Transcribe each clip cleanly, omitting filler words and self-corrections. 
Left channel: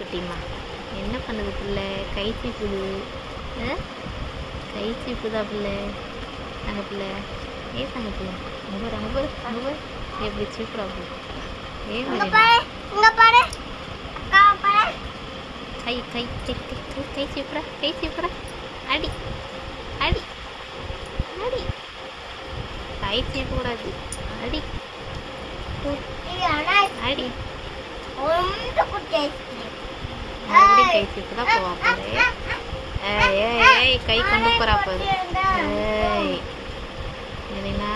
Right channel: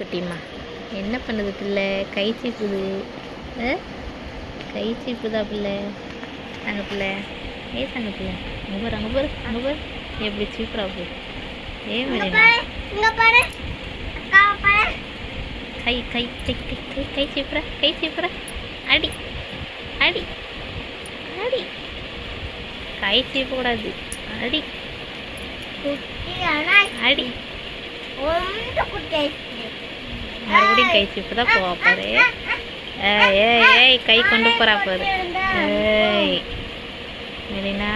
குட்டிம்மா என்ன பண்ணுது பிள்ளை? கை சீப்புது. கை சீப்புதா பிள்ளை? தங்க பிள்ளை தங்க பிள்ளை அங்கே பாரு எப்படி சீப்புறா போ. கை கை கை கை கை சீப்புற அடி அடி அடி. கை சீப்பக்கூடாது. அடி அடி. மறுபடியும் கை சீப்பு தான் போவா பாரு. ஏய் கை கொண்டு போறா பாரு. ஏய் மெலினா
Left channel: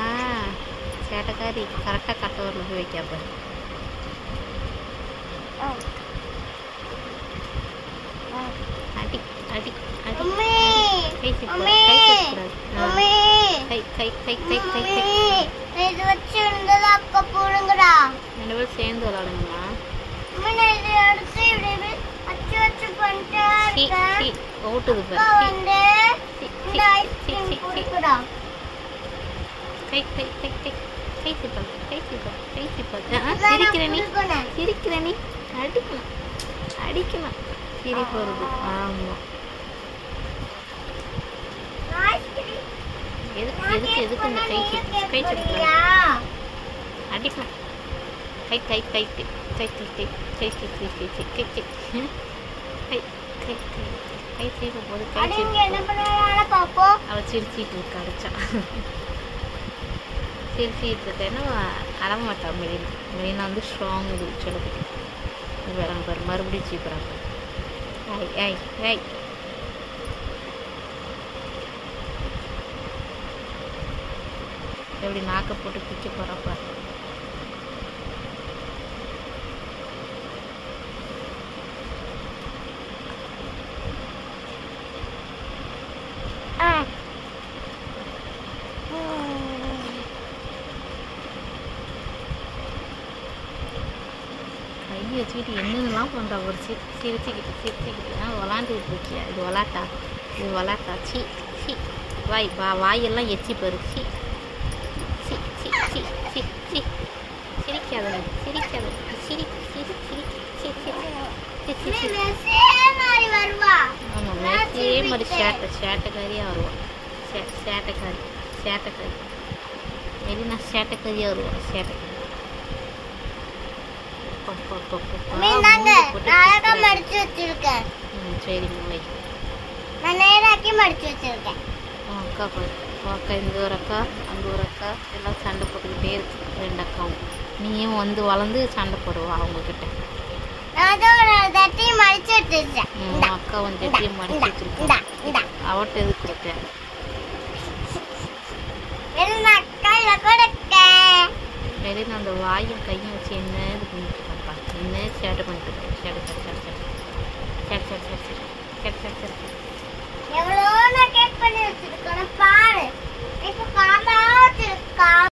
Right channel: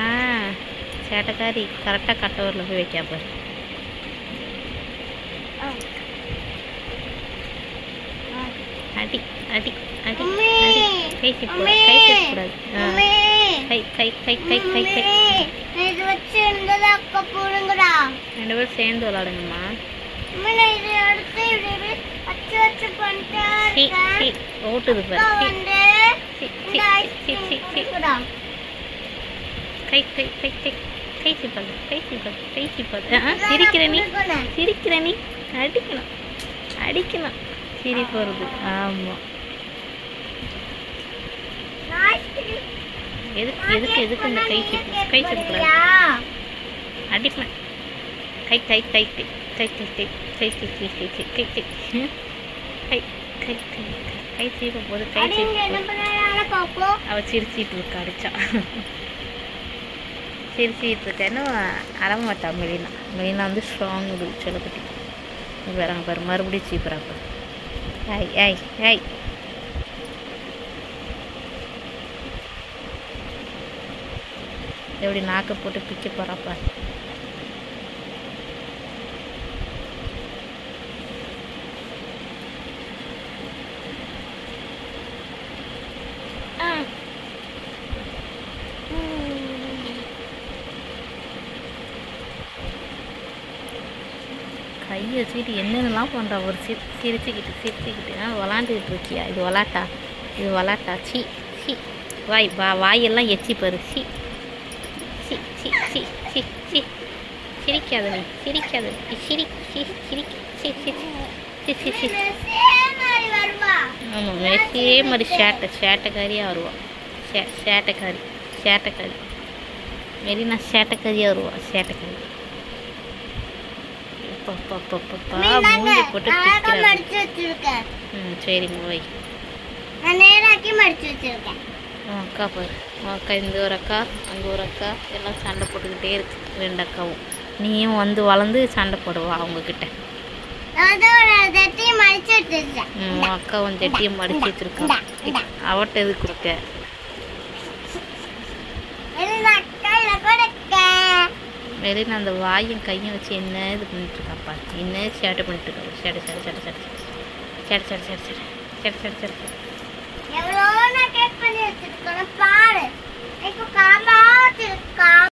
சேட்டைக்காரி கரெக்டாக கட்டவரில் போய் வைக்கா பாரு. அடி அடி அடி. கை சீப்பு கை சீப்பக்கூடாது. கை கை கை கை கை கை. ரெண்டு பேரும் சேர்ந்து விளாடுங்கம்மா. ஓட்டுது கை கை கை கை கை சீப்பாது கை சீப்பாது கை சீப்பாது. சிரிக்கிற நீ அடிக்கணும் அடிக்கணும். சிரிப்பு வருது. ஆமாம் எதுக்கு எதுக்கு எதுக்கு இந்த கை சீப்பு அடிப்பேன். கை கை கை கை கை கை கை கை கை கை கை கை கை கை கை கை கை சீப்ப போது கை சீப்பு. அவள் சிரிச்சிட்டு இருக்கா அடிச்சா. சிரிச்சிட்டு இருக்கேன்னு அறமாட்டா மெலினா. மெலினா வந்து ஸ்ட்ராங் இது சொல்லப்பட்டி. வேறாங்க பாரு மறுபடியும் சீப்புறாங்க. ஏய் ஏய் ஏய் எப்படி நாக்கை போட்டு பிச்சு போறாப்பா. கையை வச்சுக்கிட்டு என்னென்னலாம் பண்ணுறா. ஒரு சிரிச்சுக்கிட்டு விளாண்டுக்கிட்டு இருக்கியா? இது விளாட்டா சி சி. வாயெல்லாம் எச்சி பாரு. சி சி சி சி சி சி. சிரிக்காத நீ சிரிக்காத சிரி சிரி சிரி சி சி சி சி சி. ஆமாம் மெஸ்ஸே மாதிரி சேட்டைக்காரியாக வருவாள். சேட்டைக்காரி மெரினா சேட்டைக்காரியாக வருவாள். சேட்டைக்காரி சரிம்மா வை. அக்கா பாரு. அக்கா இந்த ஒரு அக்கா அங்கே ஒரு அக்கா எல்லாம் சண்டை போட்டுக்கிட்டே இருக்கு. ரெண்டு அக்காவும் நீயும் வந்து வளர்ந்து சண்டை போடுவா அவங்கக்கிட்ட. அக்காவும் ஜட்டியும் மடிச்சு வச்சிருக்கா. அவட்ட எது கொடுக்க? வெளியில் அந்த வாயும் கையும் வச்சு என்ன இது பண்ணிட்டு இருக்காப்பா. என்ன சேட்டை பண்ணிட்டு இருக்கா. சேட்டை சேட்டை சேட்டை சேட்டை சேட்டை சேட்டை சேட்டை சேட்டை சேட்டை சேட்டை. எவ்வளோ நான் கேக் பண்ணி வச்சிருக்கேன் பாரு. இப்போ காமா